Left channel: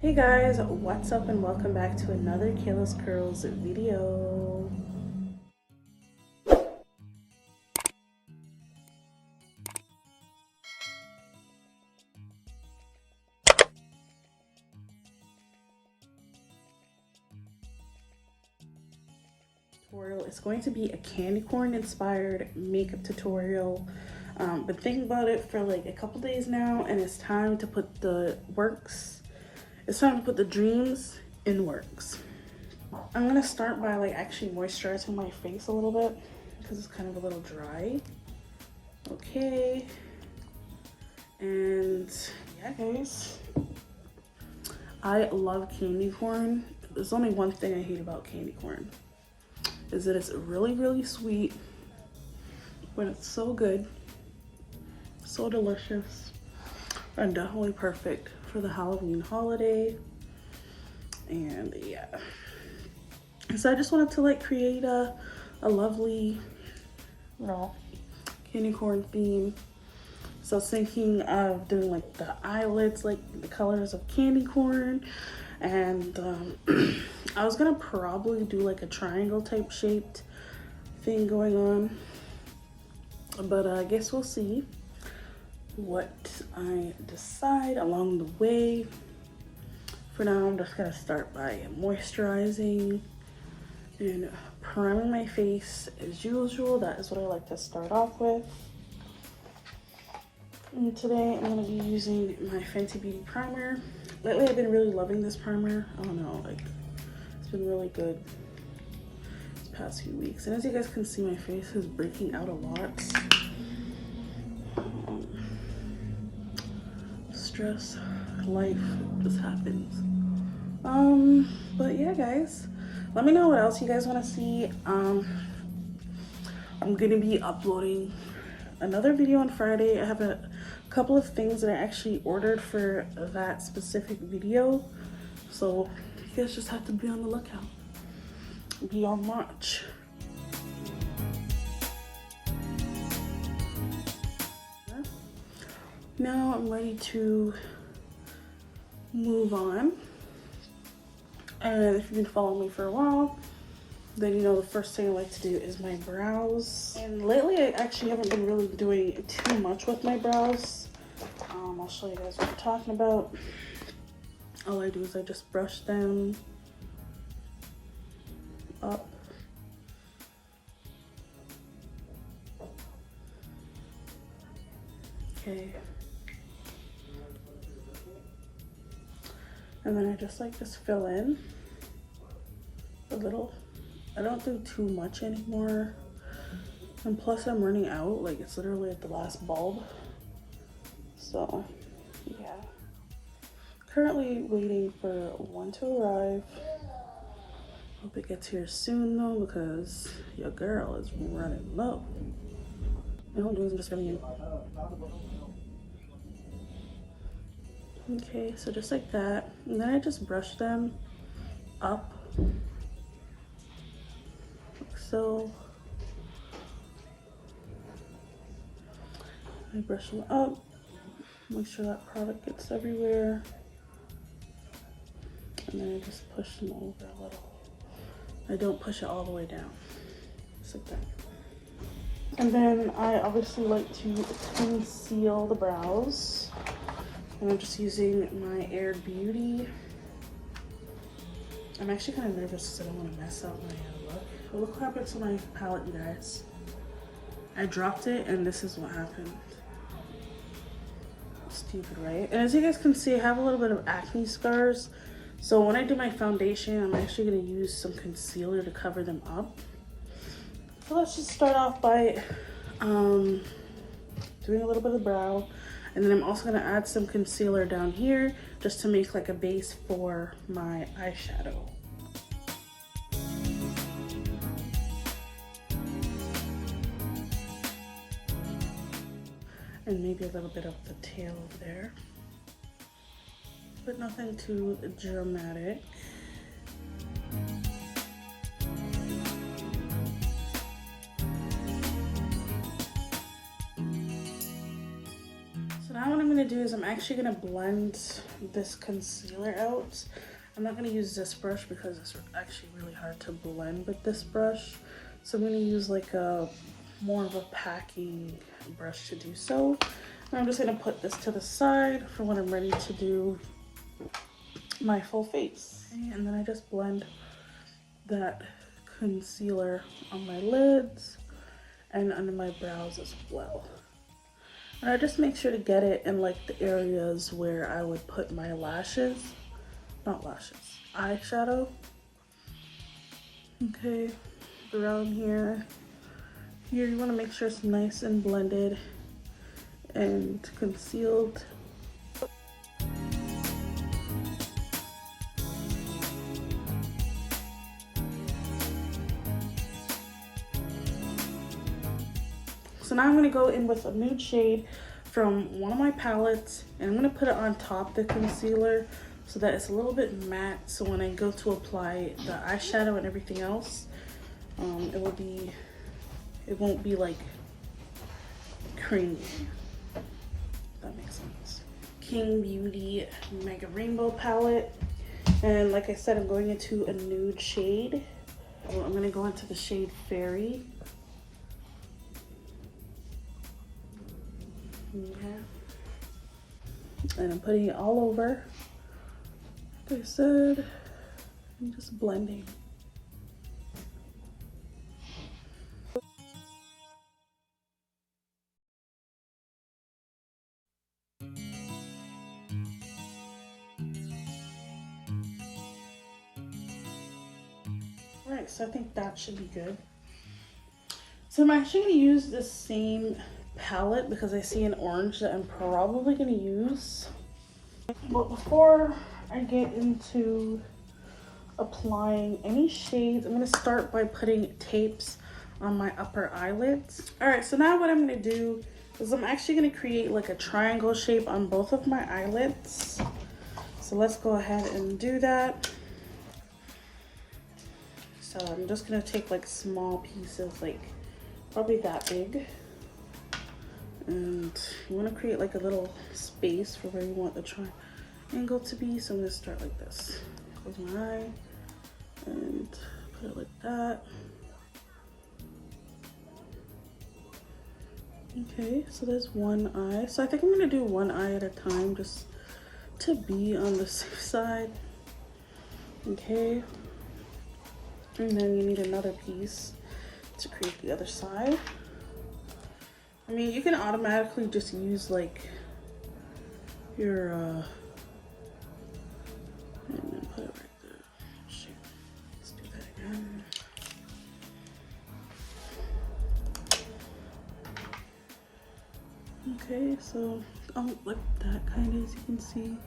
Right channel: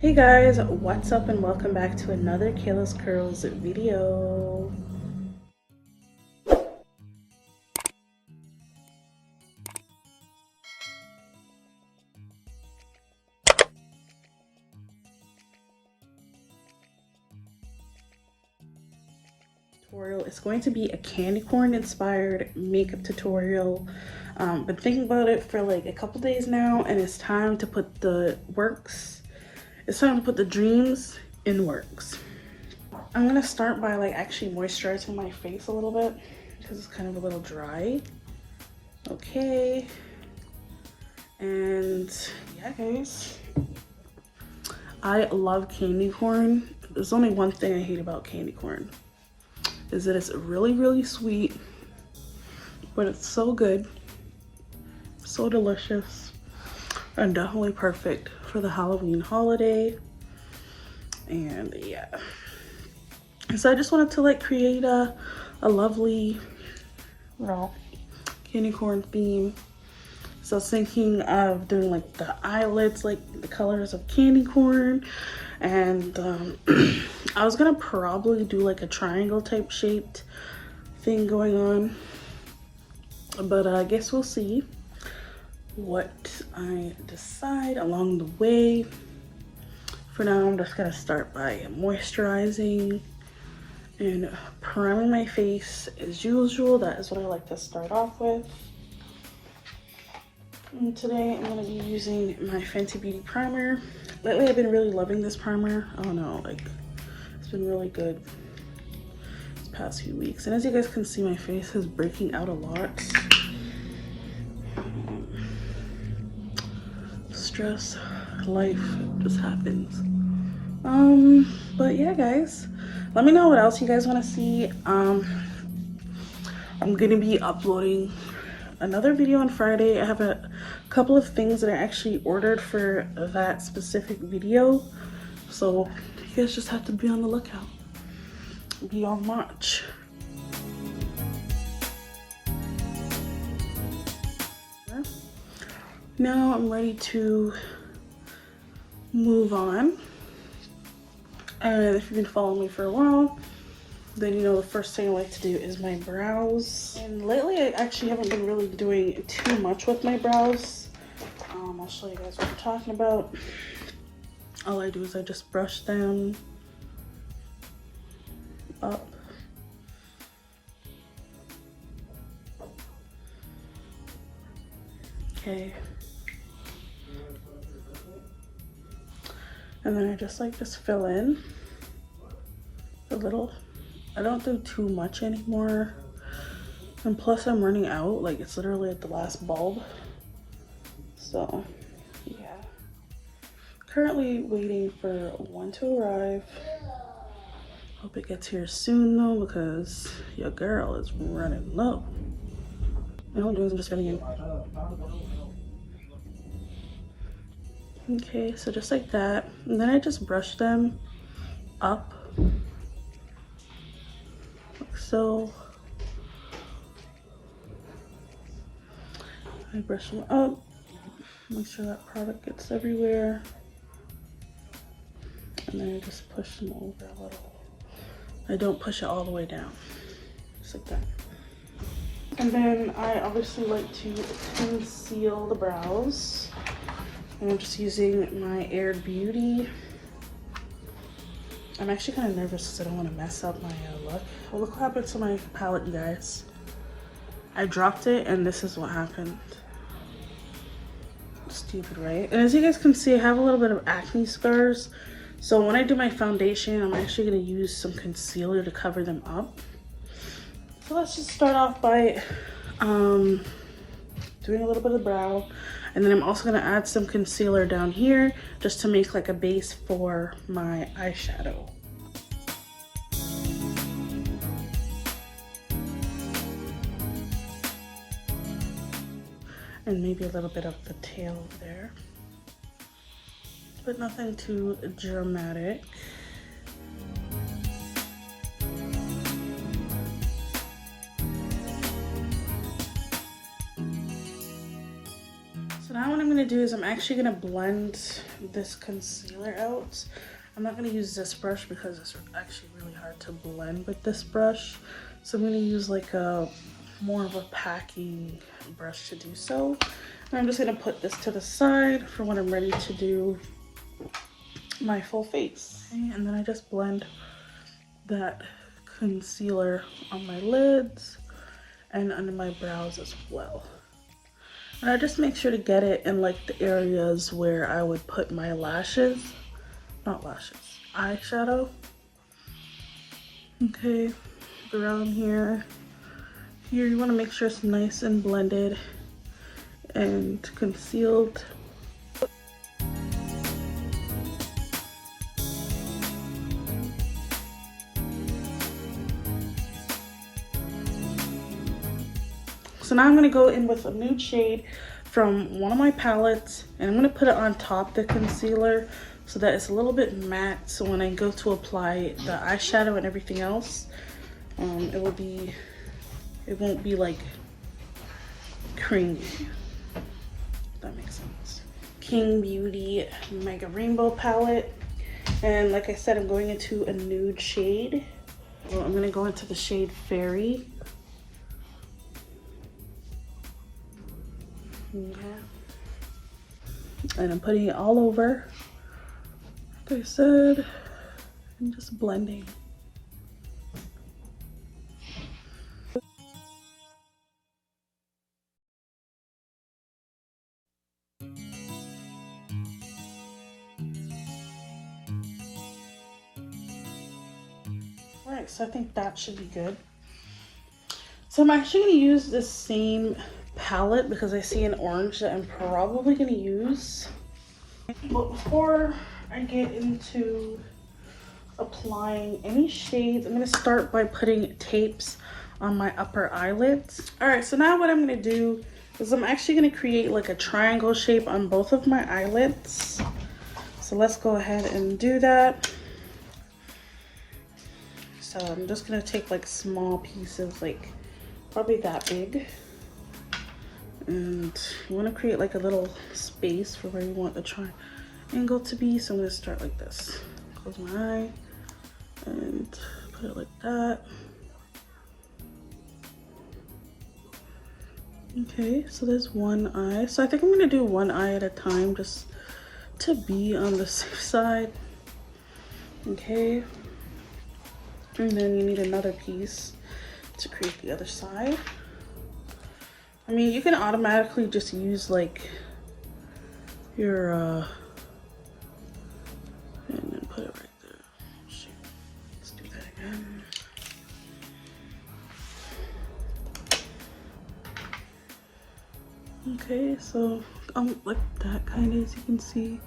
Hey guys, what's up and welcome back to another Kayla's Curls video. It's going to be a candy corn inspired makeup tutorial. Been thinking about it for like a couple days now, and it's time to put the dreams in works. I'm gonna start by like actually moisturizing my face a little bit because it's kind of a little dry. Okay, and yeah guys, I love candy corn. There's only one thing I hate about candy corn, is that it's really sweet, but it's so good, so delicious, and definitely perfect for the Halloween holiday. And yeah, so I just wanted to like create a lovely, candy corn theme. So I was thinking of doing like the eyelets, like the colors of candy corn, and I was gonna probably do like a triangle type shaped thing going on, but I guess we'll see what I decide along the way. For now, I'm just gonna start by moisturizing and priming my face as usual. That is what I like to start off with. And today I'm going to be using my Fenty Beauty primer. Lately I've been really loving this primer. I don't know, like it's been really good this past few weeks. And as you guys can see, my face is breaking out a lot. Stress, life just happens. But yeah guys, let me know what else you guys want to see. I'm going to be uploading another video on Friday. I have a couple of things that I actually ordered for that specific video, so you guys just have to be on the lookout. Be on watch. Now I'm ready to move on, and if you've been following me for a while, then you know the first thing I like to do is my brows. And lately I actually haven't been really doing too much with my brows. I'll show you guys what I'm talking about. All I do is I just brush them up. Okay. And then I just fill in a little. I don't do too much anymore, and plus I'm running out. Like, it's literally at the last bulb, so yeah. Currently waiting for one to arrive. Hope it gets here soon though, because your girl is running low. And what I'm doing is I'm just filling in. Okay, so just like that, and then I just brush them up. So I brush them up, make sure that product gets everywhere, and then I just push them over a little. I don't push it all the way down, just like that. And then I obviously like to conceal the brows, and I'm just using my Arrord Beauty. I'm actually kind of nervous because I don't want to mess up my look. Well, look what happened to my palette, you guys. I dropped it and this is what happened. Stupid, right? And as you guys can see, I have a little bit of acne scars. So when I do my foundation, I'm actually going to use some concealer to cover them up. So let's just start off by doing a little bit of brow. And then I'm also going to add some concealer down here just to make like a base for my eyeshadow. And maybe a little bit of the tail there, but nothing too dramatic. So now what I'm going gonna do is I'm actually gonna blend this concealer out. I'm not gonna use this brush because it's actually really hard to blend with this brush. So I'm gonna use like a more of a packing brush to do so. And I'm just gonna put this to the side for when I'm ready to do my full face. Okay, and then I just blend that concealer on my lids and under my brows as well. And I just make sure to get it in like the areas where I would put my lashes, not lashes, eyeshadow. Okay, around here. Here you want to make sure it's nice and blended and concealed. So now I'm going to go in with a nude shade from one of my palettes, and I'm going to put it on top the concealer so that it's a little bit matte, so when I go to apply the eyeshadow and everything else, it won't be like creamy. If that makes sense. Qing Beauty Mega Rainbow palette, and like I said, I'm going into a nude shade. Well, I'm going to go into the shade Fairy. Okay. And I'm putting it all over, like I said, and just blending. Alright, so I think that should be good. So I'm actually going to use this same palette because I see an orange that I'm probably going to use. But before I get into applying any shades, I'm going to start by putting tapes on my upper eyelids. Alright, so now what I'm going to do is I'm actually going to create like a triangle shape on both of my eyelids. So let's go ahead and do that. So I'm just going to take like small pieces, like probably that big. And you want to create like a little space for where you want the triangle to be. So I'm going to start like this. Close my eye and put it like that. Okay, so there's one eye. So I think I'm going to do one eye at a time just to be on the safe side. Okay. And then you need another piece to create the other side. I mean, you can automatically just use like your and then put it right there. Shoot. Let's do that again. Okay, so like that kind of, as you can see,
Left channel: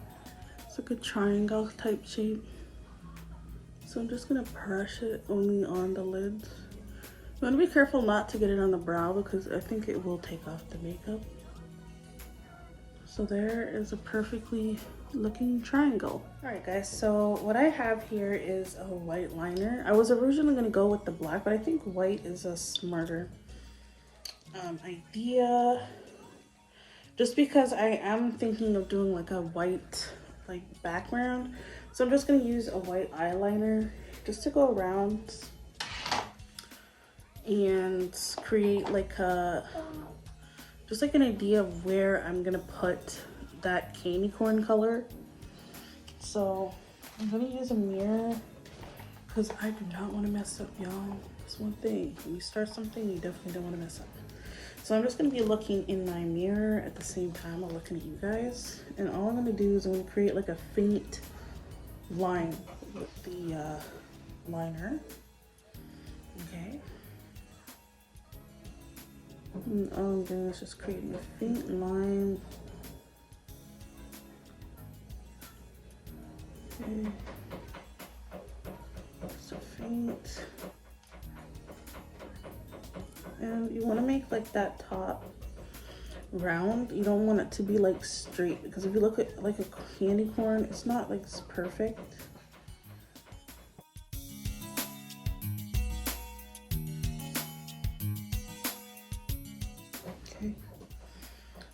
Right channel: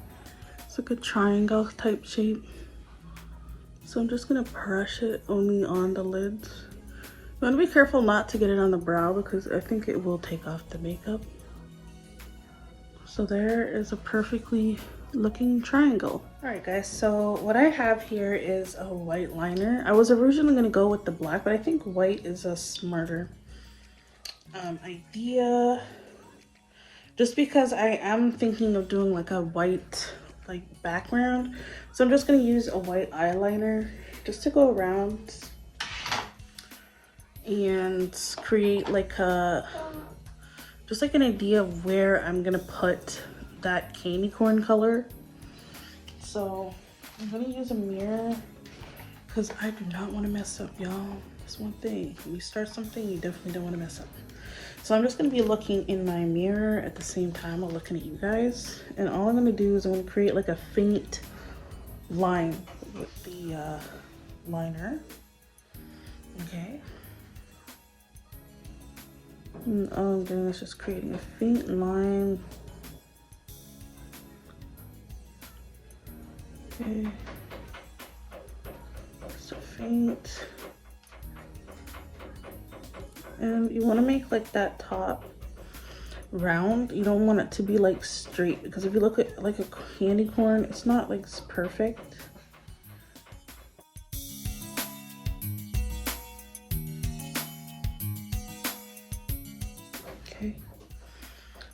it's like a triangle type shape. So I'm just gonna brush it only on the lids. You want to be careful not to get it on the brow because I think it will take off the makeup. So there is a perfectly looking triangle. Alright guys, so what I have here is a white liner. I was originally going to go with the black, but I think white is a smarter idea. Just because I am thinking of doing like a white like background. So I'm just going to use a white eyeliner just to go around and create like a just like an idea of where I'm gonna put that candy corn color. So I'm gonna use a mirror because I do not want to mess up, y'all. That's one thing, when you start something you definitely don't want to mess up. So I'm just gonna be looking in my mirror at the same time while looking at you guys, and all I'm gonna do is I'm gonna create like a faint line with the liner. Okay. And all I'm doing is just creating a faint line. Okay. So faint. And you want to make like that top round. You don't want it to be like straight, because if you look at like a candy corn, it's not like perfect.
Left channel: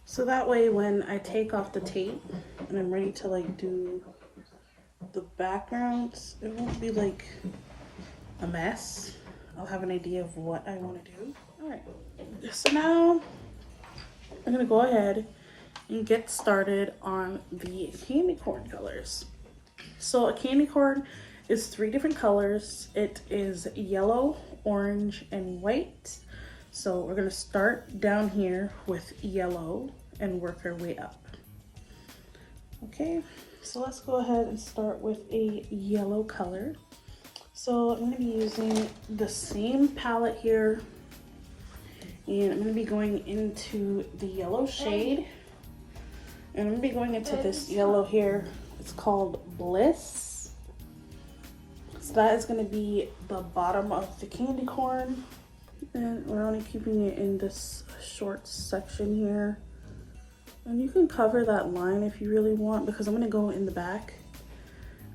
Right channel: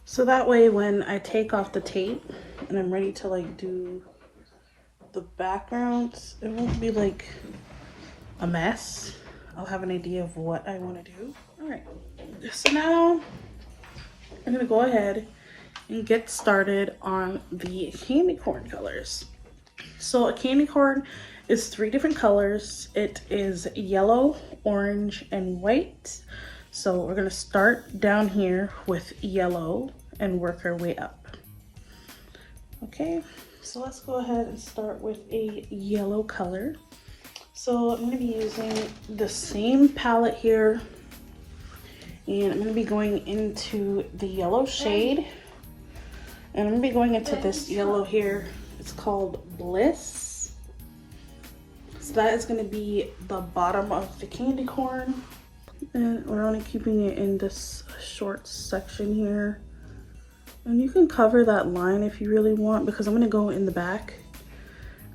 So So that way when I take off the tape and I'm ready to like do the backgrounds, it won't be like a mess. I'll have an idea of what I want to do. All right, so now I'm gonna go ahead and get started on the candy corn colors. So a candy corn is 3 different colors. It is yellow, orange, and white. So we're gonna start down here with yellow and work our way up. Okay, so let's go ahead and start with a yellow color. So I'm gonna be using the same palette here, and I'm gonna be going into the yellow shade, and I'm gonna be going into this yellow here. It's called Bliss. So that is gonna be the bottom of the candy corn, and we're only keeping it in this short section here. And you can cover that line if you really want, because I'm gonna go in the back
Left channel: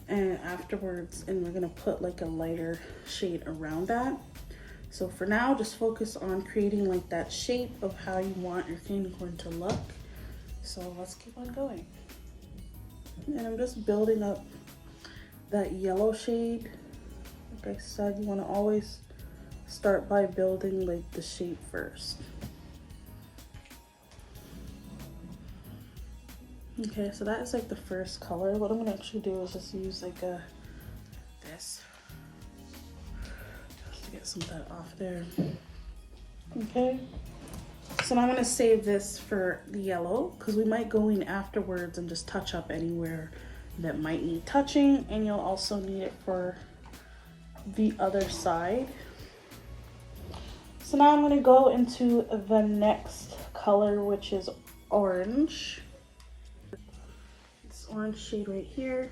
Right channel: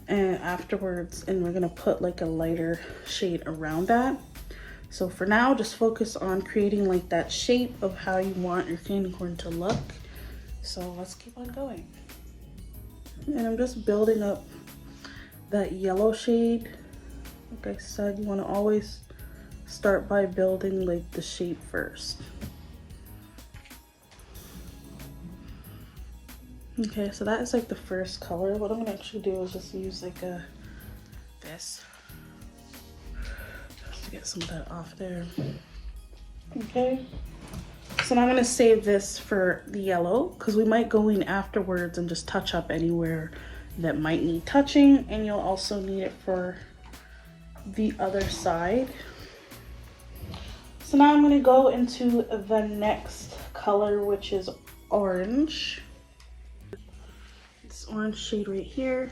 and afterwards, and we're gonna put like a lighter shade around that. So for now, just focus on creating like that shape of how you want your candy corn to look. So let's keep on going. And I'm just building up that yellow shade. Like I said, you want to always start by building like the shape first. Okay, so that is like the first color. What I'm gonna actually do is just use like this. Just to get some of that off there. Okay. So now I'm gonna save this for the yellow, because we might go in afterwards and just touch up anywhere that might need touching, and you'll also need it for the other side. So now I'm gonna go into the next color, which is orange. This orange shade right here.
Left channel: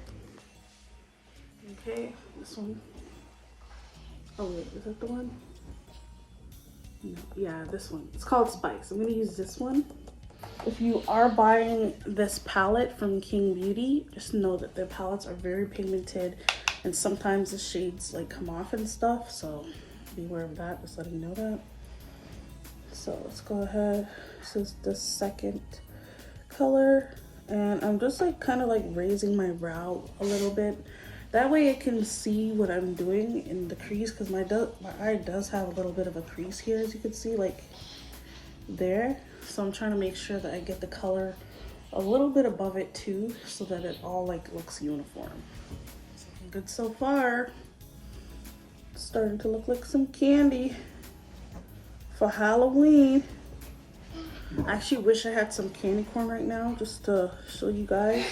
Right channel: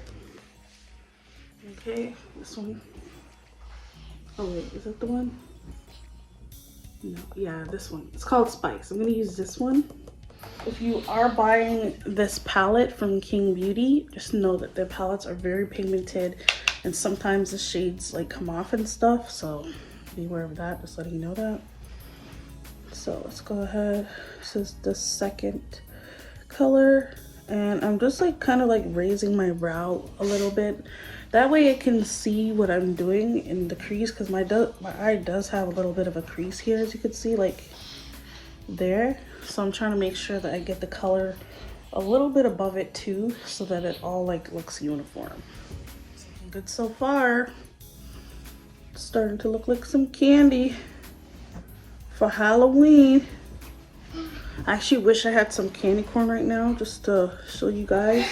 Okay, this one. Oh wait, is that the one? No, yeah, this one. It's called Spice. I'm gonna use this one. If you are buying this palette from Qing Beauty, just know that their palettes are very pigmented, and sometimes the shades like come off and stuff, so be aware of that, just letting you know that. So let's go ahead. This is the second color, and I'm just like kind of like raising my brow a little bit. That way I can see what I'm doing in the crease, because my eye does have a little bit of a crease here, as you can see, like there. So I'm trying to make sure that I get the color a little bit above it too, so that it all like looks uniform. Good so far. It's starting to look like some candy for Halloween. I actually wish I had some candy corn right now just to show you guys.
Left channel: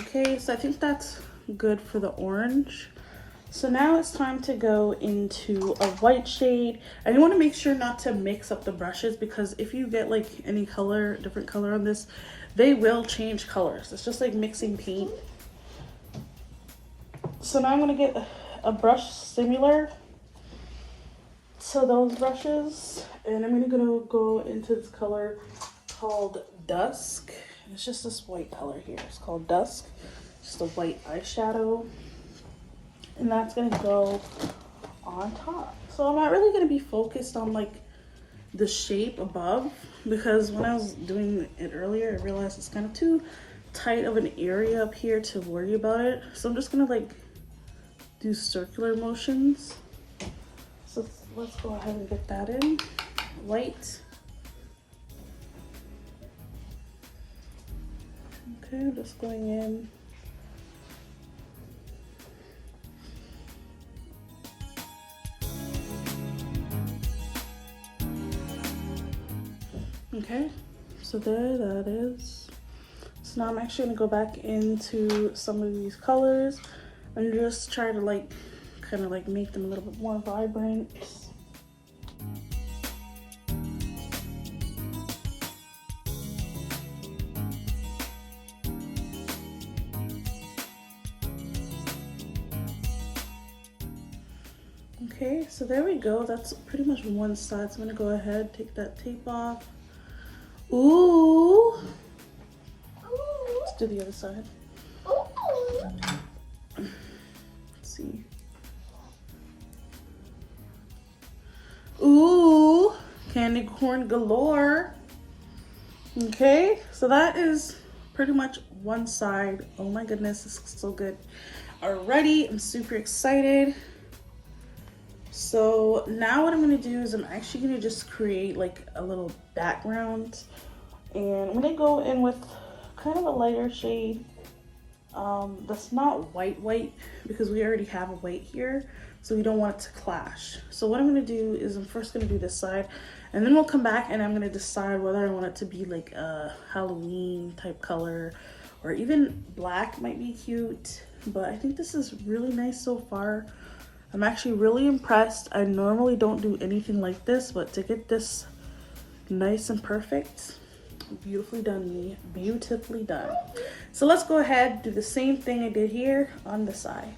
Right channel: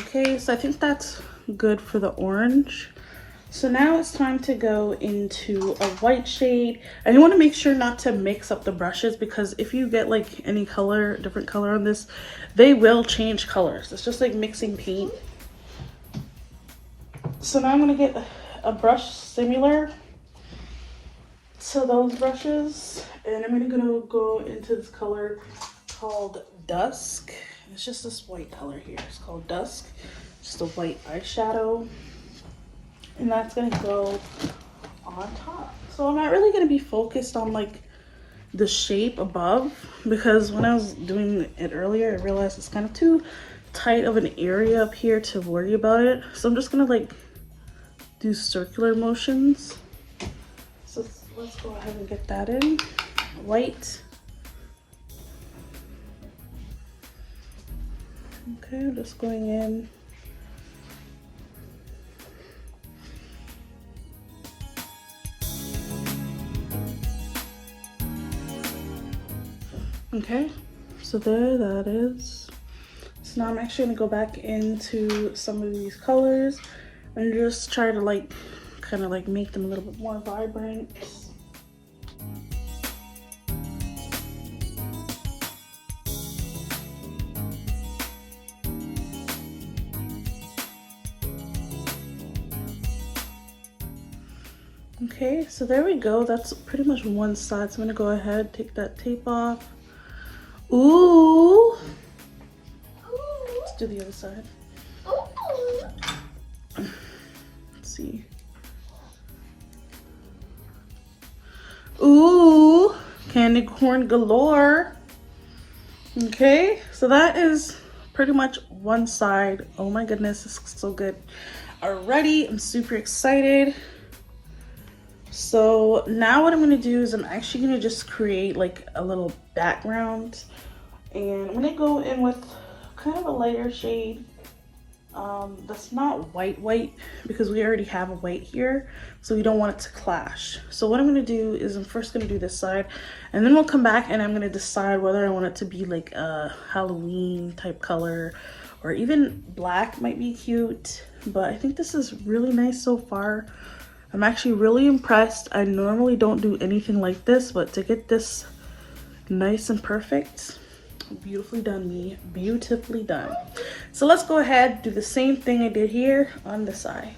Okay, so I think that's good for the orange. So now it's time to go into a white shade, and you want to make sure not to mix up the brushes, because if you get like any color, different color on this, they will change colors. It's just like mixing paint. So now I'm going to get a brush similar to those brushes, and I'm going to go into this color called Dusk. It's just this white color here. It's called Dusk. Just a white eyeshadow, and that's gonna go on top. So I'm not really gonna be focused on like the shape above, because when I was doing it earlier, I realized it's kind of too tight of an area up here to worry about it. So I'm just gonna like do circular motions. So let's go ahead and get that in. White. Okay, I'm just going in. Okay, so there that is. So now I'm actually gonna go back into some of these colors and just try to like kind of like make them a little bit more vibrant. Okay, so there we go. That's pretty much one side. So I'm gonna go ahead, take that tape off. Ooh. Let's do the other side. Let's see. Ooh, candy corn galore. Okay, so that is pretty much one side. Oh my goodness, this looks so good already. I'm super excited. So now what I'm gonna do is I'm actually gonna just create like a little background, and I'm gonna go in with kind of a lighter shade that's not white because we already have a white here, so we don't want it to clash. So what I'm gonna do is I'm first gonna do this side, and then we'll come back and I'm gonna decide whether I want it to be like a Halloween type color, or even black might be cute. But I think this is really nice so far. I'm actually really impressed. I normally don't do anything like this, but to get this nice and perfect, beautifully done, me, beautifully done. So let's go ahead, do the same thing I did here on this eye.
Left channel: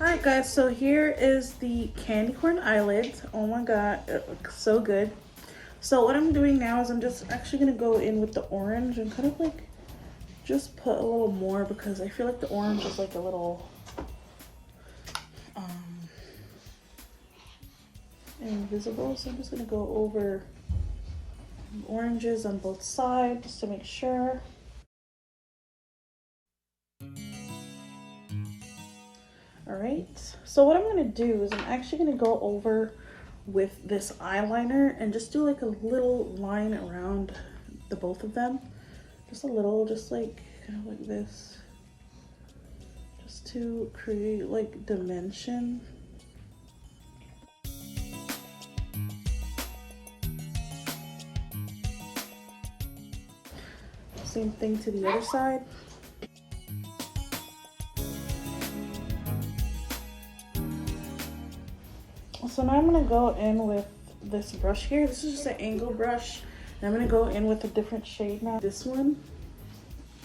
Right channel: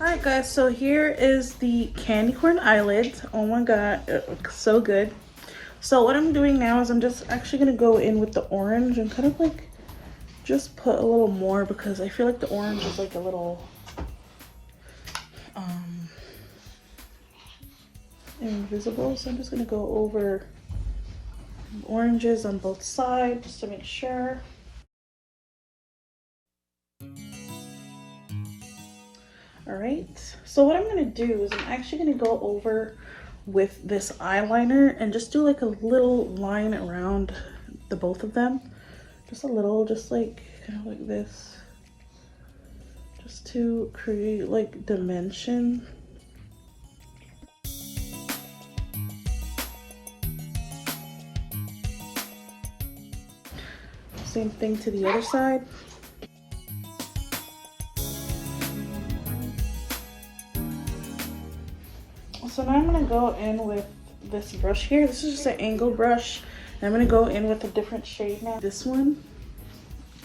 Alright guys, so here is the candy corn eyelids. Oh my god, it looks so good. So what I'm doing now is I'm just actually going to go in with the orange and kind of like just put a little more, because I feel like the orange is like a little invisible. So I'm just going to go over oranges on both sides just to make sure. Alright, so what I'm going to do is I'm actually going to go over with this eyeliner and just do like a little line around the both of them. Just a little, just like kind of like this. Just to create like dimension. Same thing to the other side. So now I'm going to go in with this brush here. This is just an angle brush. And I'm going to go in with a different shade now. This one.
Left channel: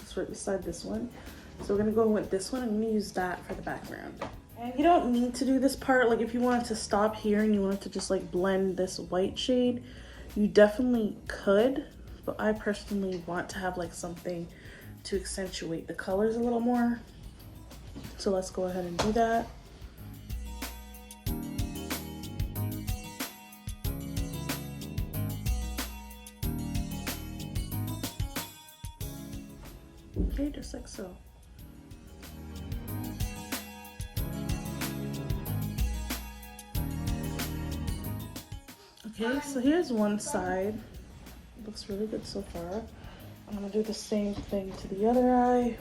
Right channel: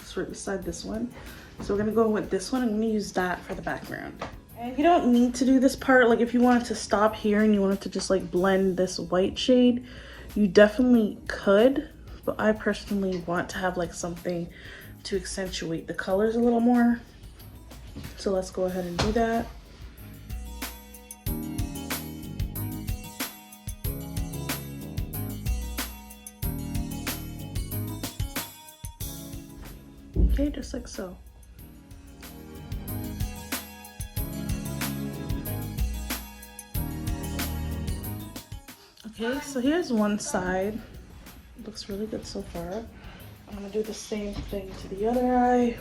It's right beside this one. So we're going to go in with this one. I'm going to use that for the background. And you don't need to do this part. Like if you wanted to stop here and you wanted to just like blend this white shade, you definitely could. But I personally want to have like something to accentuate the colors a little more. So let's go ahead and do that. Okay, just like so. Okay, so here's one side. It looks really good so far. I'm gonna do the same thing to the other eye.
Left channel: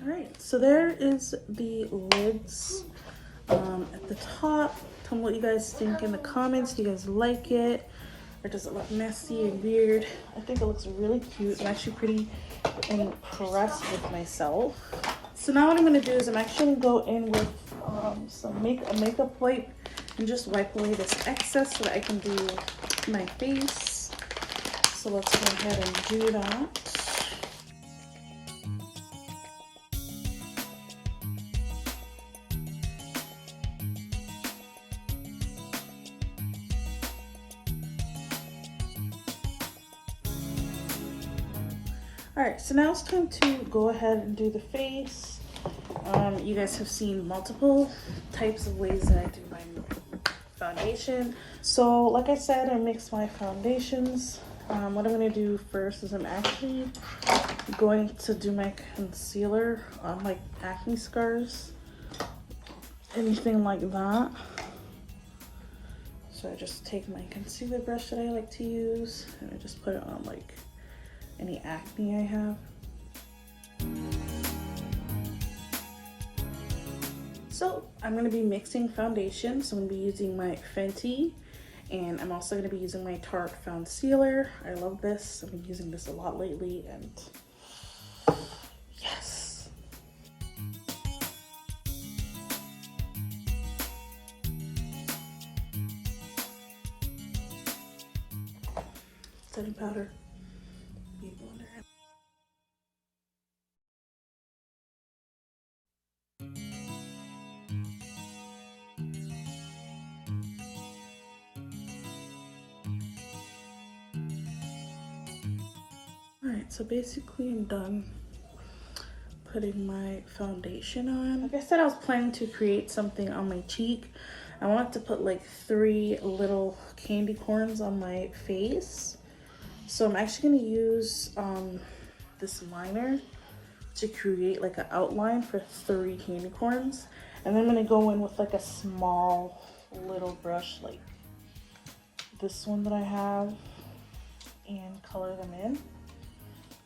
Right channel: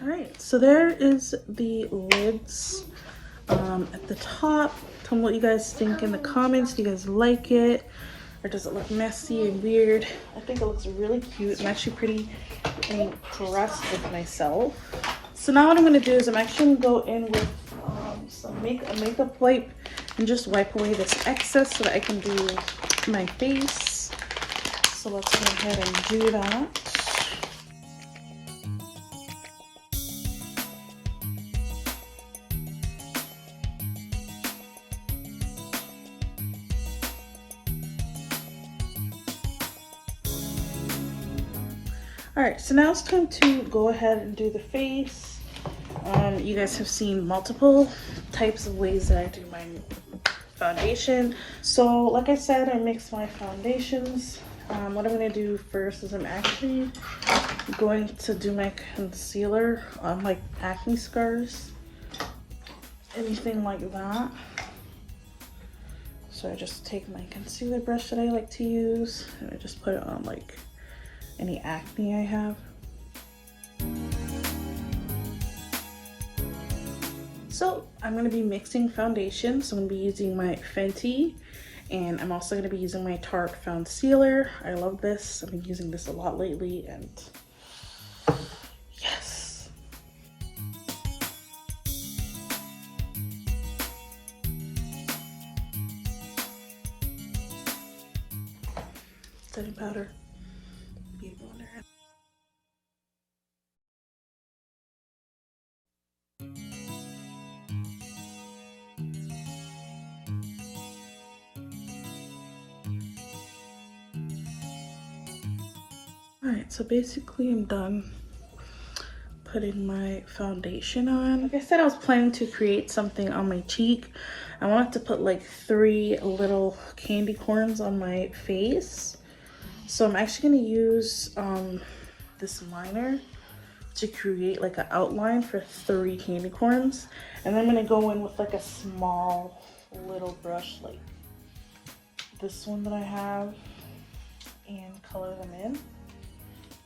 Alright, so there is the lids at the top. Tell me what you guys think in the comments. Do you guys like it? Or does it look messy and weird? I think it looks really cute. I'm actually pretty impressed with myself. So now what I'm going to do is I'm actually going to go in with some makeup wipe and just wipe away this excess so that I can do my face. So let's go ahead and do that. Alright, so now it's time to go ahead and do the face. You guys have seen multiple types of ways that I do my foundation. So like I said, I mix my foundations. What I'm going to do first is I'm actually going to do my concealer on like acne scars, anything like that. So I just take my concealer brush that I like to use and I just put it on like any acne I have. So I'm going to be mixing foundation. So I'm going to be using my Fenty, and I'm also going to be using my Tarte Foundcealer. I love this. I've been using this a lot lately, and yes. setting powder. Beauty blender. Alright, so basically I'm done putting my foundation on. Like I said, I was planning to create something on my cheek. I wanted to put like 3 little candy corns on my face. So I'm actually going to use this liner to create like an outline for 3 candy corns. And then I'm going to go in with like a small little brush like this one that I have and color them in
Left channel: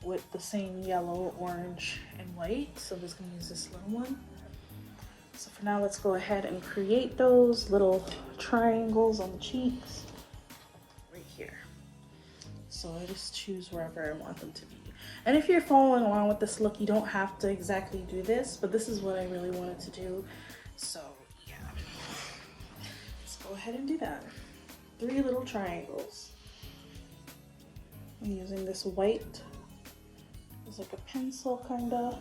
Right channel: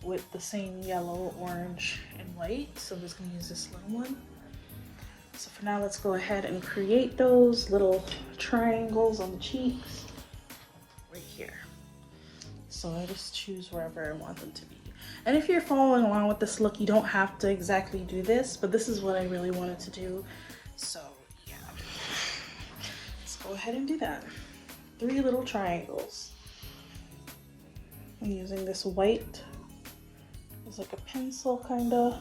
with the same yellow, orange, and white. So I'm just gonna use this little one. So for now, let's go ahead and create those little triangles on the cheeks right here. So I just choose wherever I want them to be. And if you're following along with this look, you don't have to exactly do this, but this is what I really wanted to do. So yeah, let's go ahead and do that. 3 little triangles. I'm using this white. It's like a pencil kind of.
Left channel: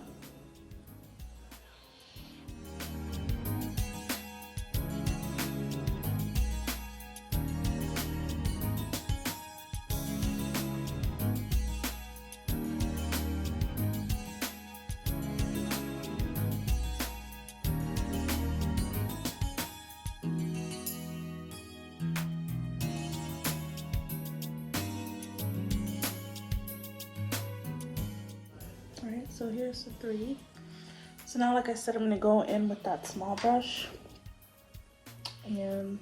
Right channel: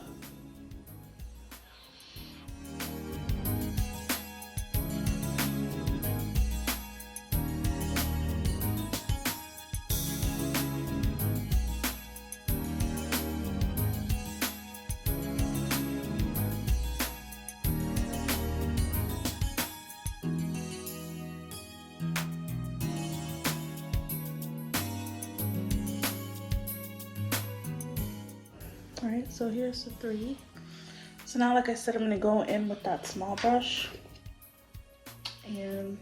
Alright, so here's the 3. So now, like I said, I'm going to go in with that small brush and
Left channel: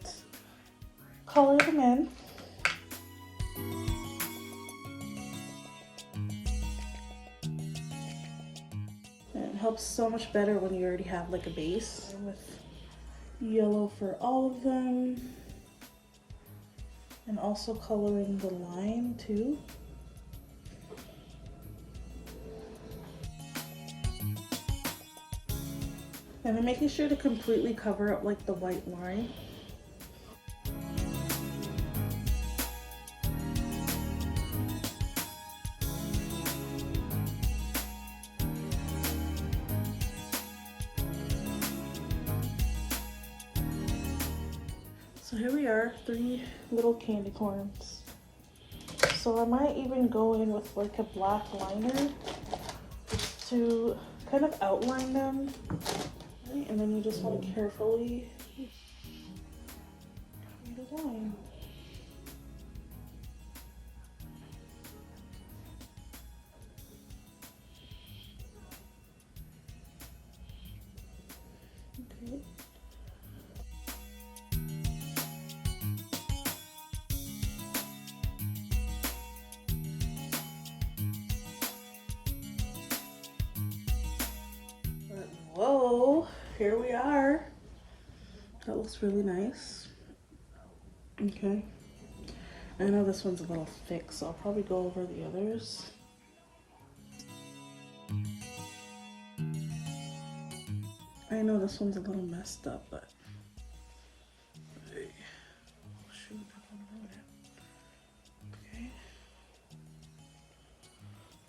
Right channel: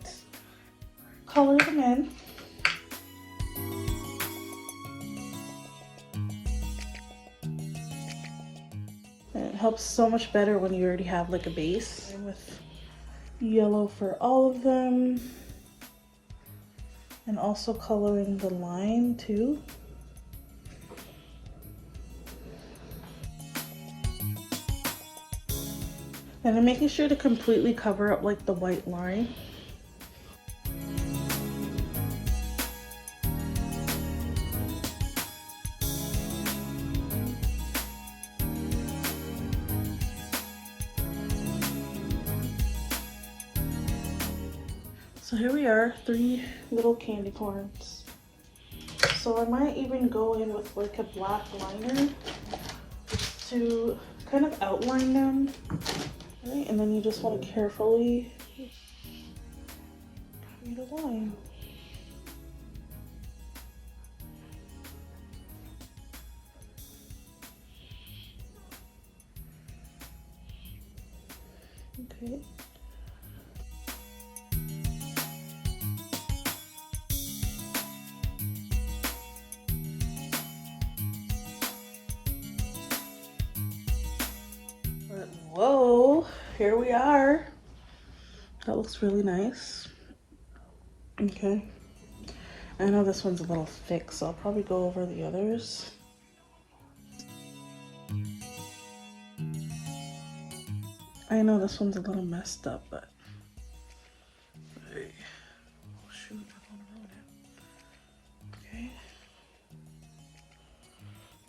color them in. And it helps so much better when you already have like a base. With yellow for all of them. And also coloring the line too. And I'm making sure to completely cover up like the white line. So here we are, 3 little candy corns. So I might even go in with like a black liner just to kind of outline them. Right, and then you just want to carefully create a line. Okay. But whoa. Here we are. That looks really nice. Okay. I know this one's a little thick, so I'll probably go over the others. I know this one's a little messed up, but hey. Oh shoot, I don't want to ruin it. Okay.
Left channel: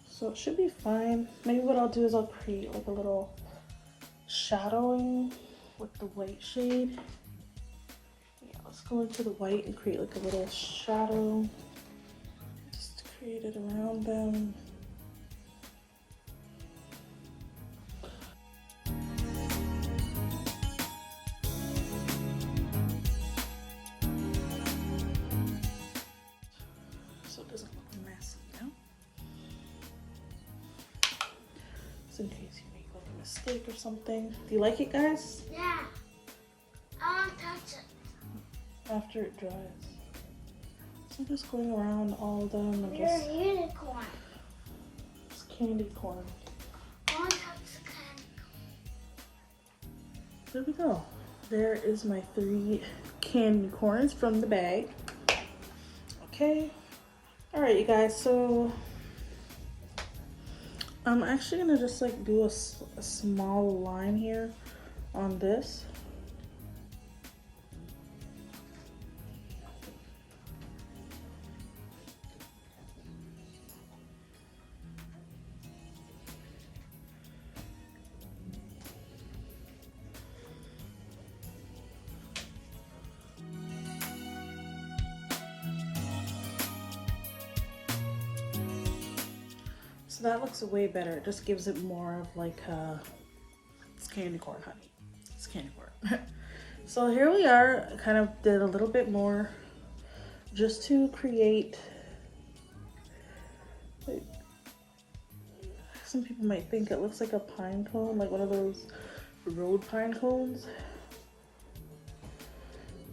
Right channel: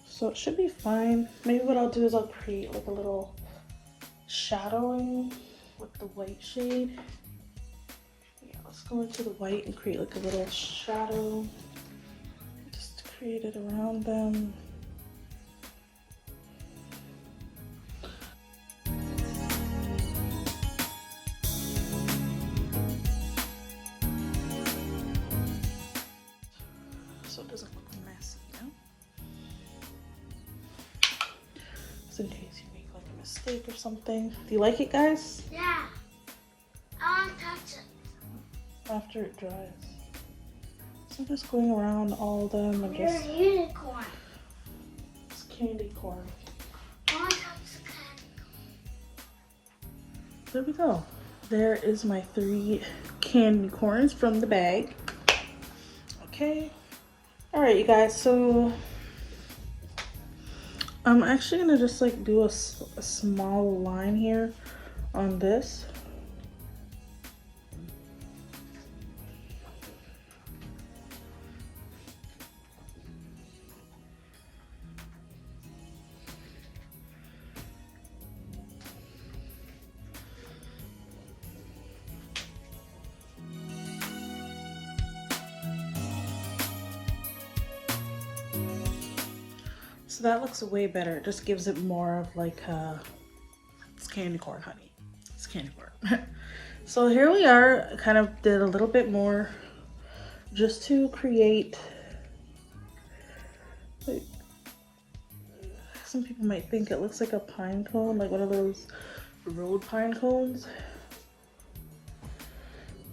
So it should be fine. Maybe what I'll do is I'll create like a little shadowing with the white shade. Yeah, let's go into the white and create like a little shadow. Just create it around them. So it doesn't look messy, you know? Just in case you make like a mistake or something. Do you like it, guys? Yeah. I want to touch it. After it dries. So I'm just going around all of them and You're just a unicorn. it's candy corn. I want to touch candy corn. There we go. There is my 3 candy corns from the bag. Okay. All right, you guys. So I'm actually gonna just like do a small line here on this. So that looks way better. It just gives it more of like it's candy corn, honey. It's candy corn. So here we are. I kind of did a little bit more just to create, like, some people might think it looks like a pine cone, like one of those road pine cones.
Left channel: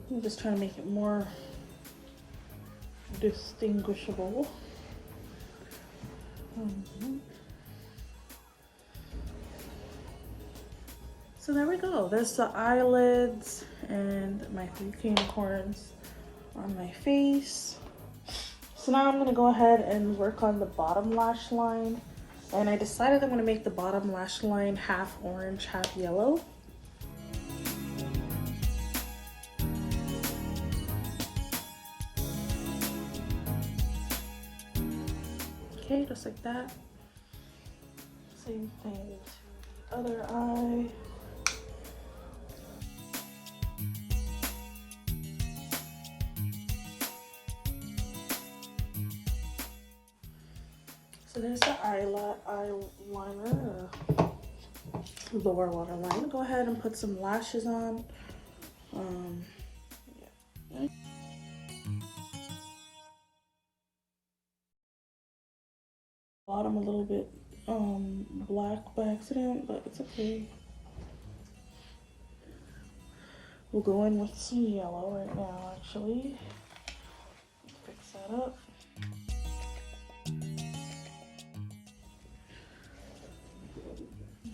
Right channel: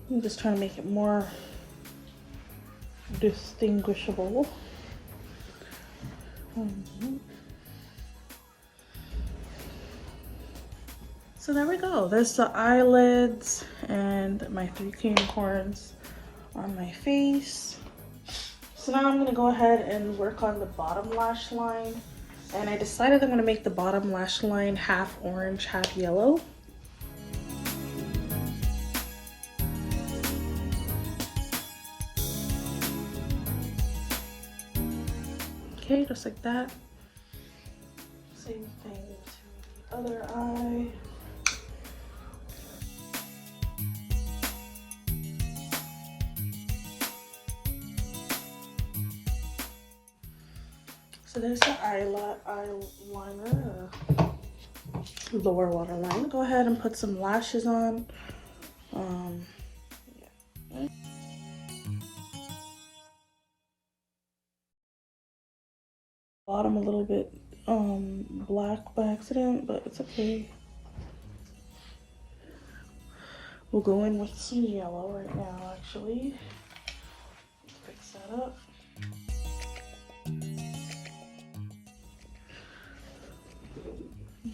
I'm just trying to make it more distinguishable. So there we go. There's the eyelids and my 3 candy corns on my face. So now I'm going to go ahead and work on the bottom lash line. And I decided I'm going to make the bottom lash line half orange, half yellow. Okay, just like that. Same thing to the other eye. So there's the eyeliner, lower waterline. Go ahead and put some lashes on. Yeah. Bottom a little bit black by accident, but it's okay. We'll go in with some yellow right now, actually. Let's fix that up.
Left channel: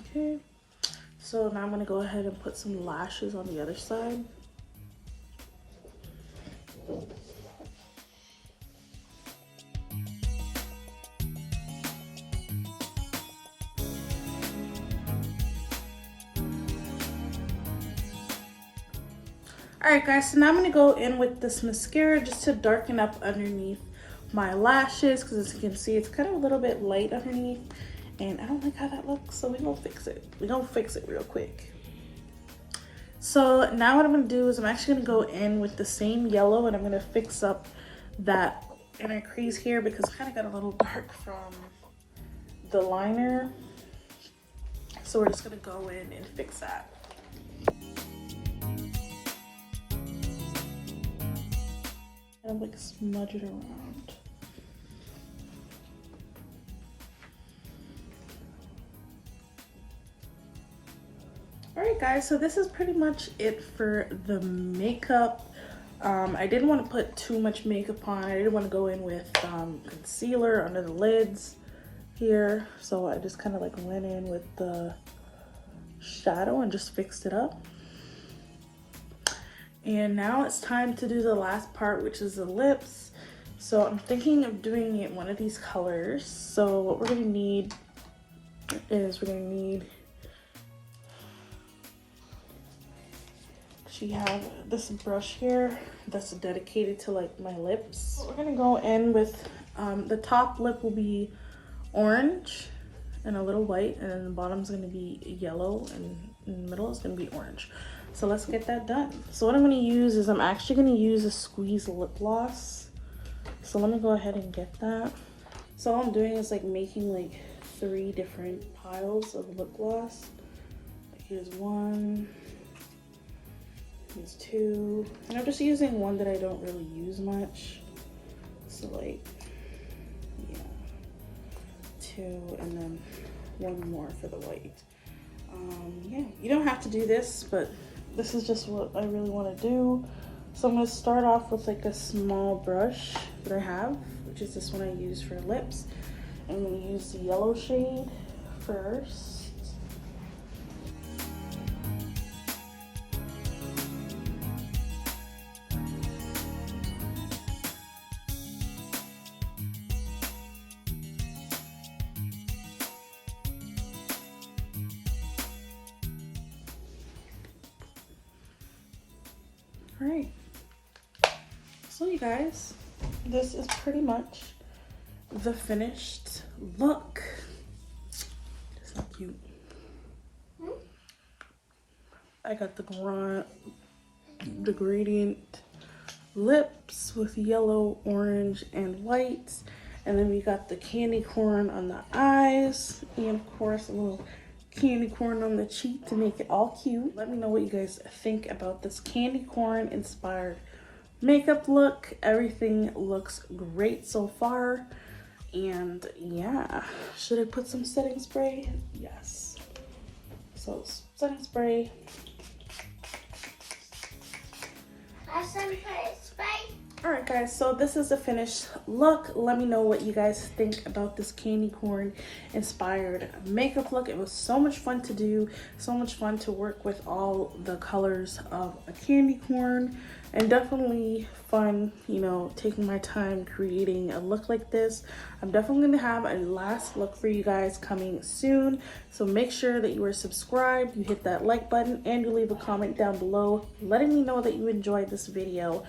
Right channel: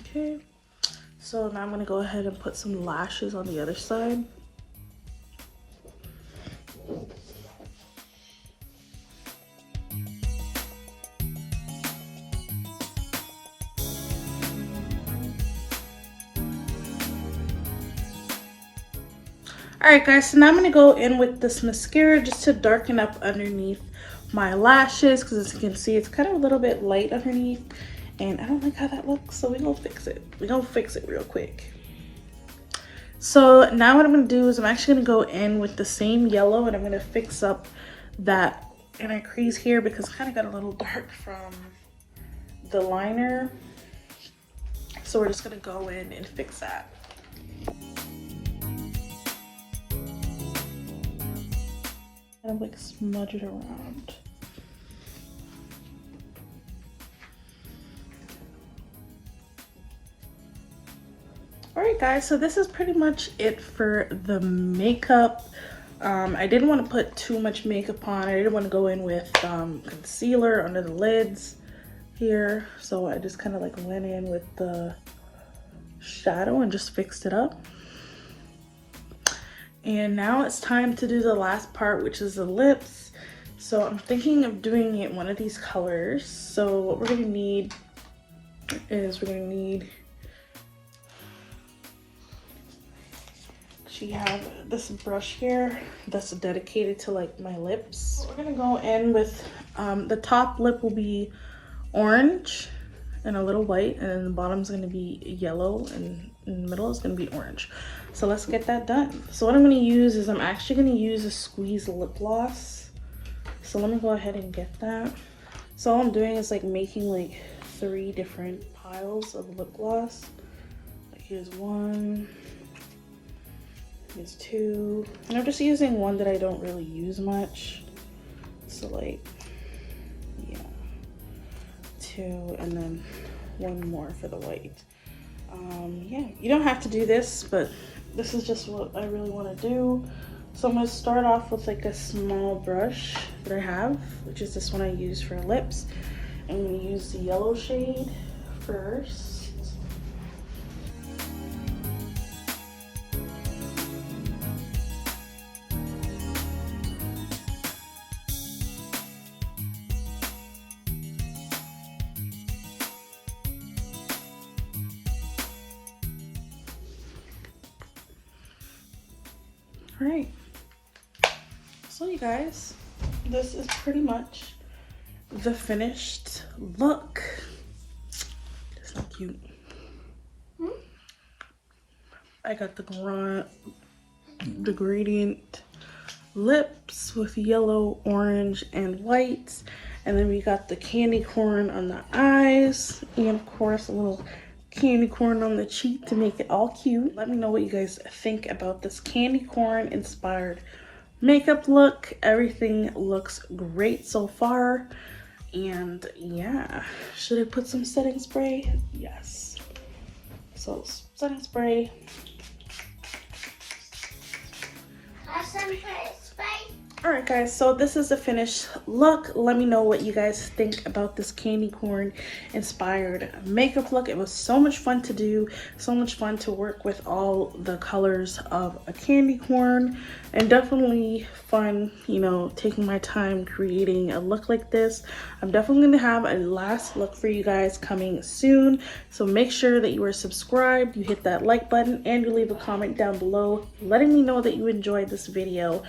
Okay, so now I'm going to go ahead and put some lashes on the other side. Alright guys, so now I'm going to go in with this mascara just to darken up underneath my lashes, because as you can see it's kind of a little bit light underneath. And I don't like how that looks, so we're gonna fix it. We're gonna fix it real quick. So now what I'm gonna do is I'm actually gonna go in with the same yellow and I'm gonna fix up that inner crease here because it kind of got a little dark from the liner. So we're just gonna go in and fix that. Kind of like smudge it around. Alright guys, so this is pretty much it for the makeup. I didn't want to put too much makeup on. I didn't want to go in with concealer under the lids here. So I just kind of like went in with the shadow and just fixed it up. And now it's time to do the last part, which is the lips. So I'm thinking of doing it one of these colors. So what we're going to need is we're going to need, you have this brush here that's dedicated to like my lips. We're gonna go in with the top lip will be orange and a little white, and then the bottom's gonna be yellow, and in the middle is gonna be orange. So let's get that done. So what I'm gonna use is I'm actually gonna use a squeeze lip gloss. So let me go ahead and get that. So all I'm doing is like making like 3 different piles of lip gloss. Like here's 1. Here's 2, and I'm just using one that I don't really use much. So like, yeah, 2, and then 1 more for the white. Yeah, you don't have to do this, but this is just what I really want to do. So I'm going to start off with like a small brush that I have, which is this one I use for lips. I'm going to use the yellow shade first. Alright, so you guys, this is pretty much the finished look. It's not cute. I got the gradient lips with yellow, orange, and white. And then we got the candy corn on the eyes, and of course a little candy corn on the cheek to make it all cute. Let me know what you guys think about this candy corn inspired makeup look. Everything looks great so far. And yeah, should I put some setting spray? Yes. So setting spray. Alright guys, so this is the finished look. Let me know what you guys think about this candy corn inspired makeup look. It was so much fun to do, so much fun to work with all the colors of a candy corn, and definitely fun, you know, taking my time creating a look like this. I'm definitely going to have a last look for you guys coming soon, so make sure that you are subscribed, you hit that like button, and you leave a comment down below letting me know that you enjoyed this video.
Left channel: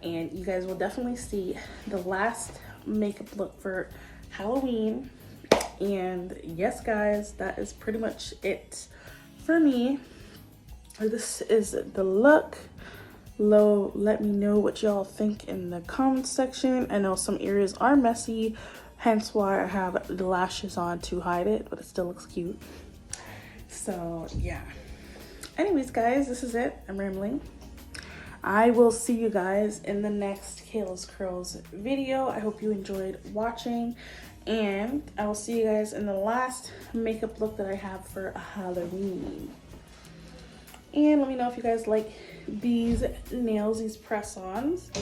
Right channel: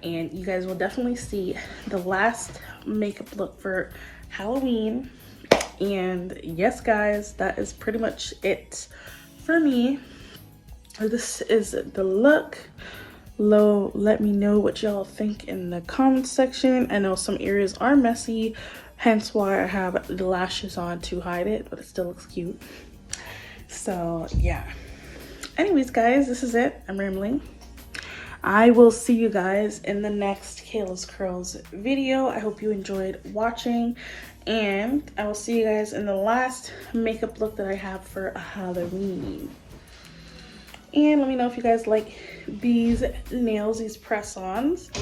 And you guys will definitely see the last makeup look for Halloween. And yes guys, that is pretty much it for me. This is the look. Let me know what y'all think in the comment section. I know some areas are messy, hence why I have the lashes on to hide it, but it still looks cute. So yeah, anyways guys, this is it. I'm rambling. I will see you guys in the next Kayla's Curls video. I hope you enjoyed watching, and I will see you guys in the last makeup look that I have for Halloween. And let me know if you guys like these nails, these press-ons.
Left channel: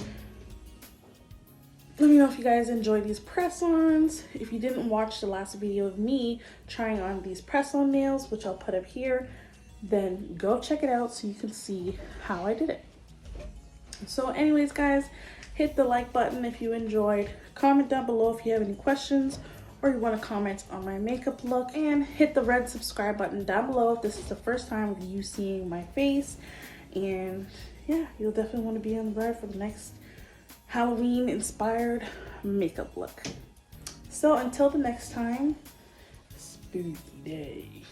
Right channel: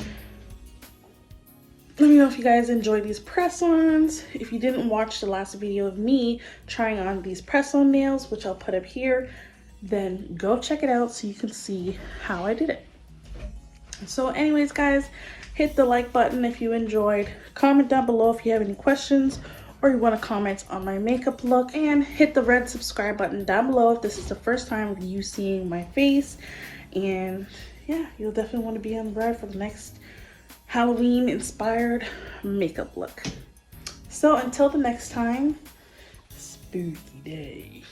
Let me know if you guys enjoy these press-ons. If you didn't watch the last video of me trying on these press-on nails, which I'll put up here, then go check it out so you can see how I did it. So anyways guys, hit the like button if you enjoyed, comment down below if you have any questions or you want to comment on my makeup look, and hit the red subscribe button down below if this is the first time of you seeing my face. And yeah, you'll definitely want to be on the ride for the next Halloween inspired makeup look. So until the next time, spooky day.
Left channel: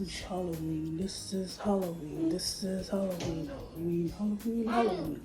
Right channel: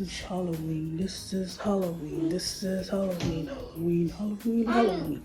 This is Halloween, this is Halloween, this is Halloween, Halloween, Halloween, Halloween.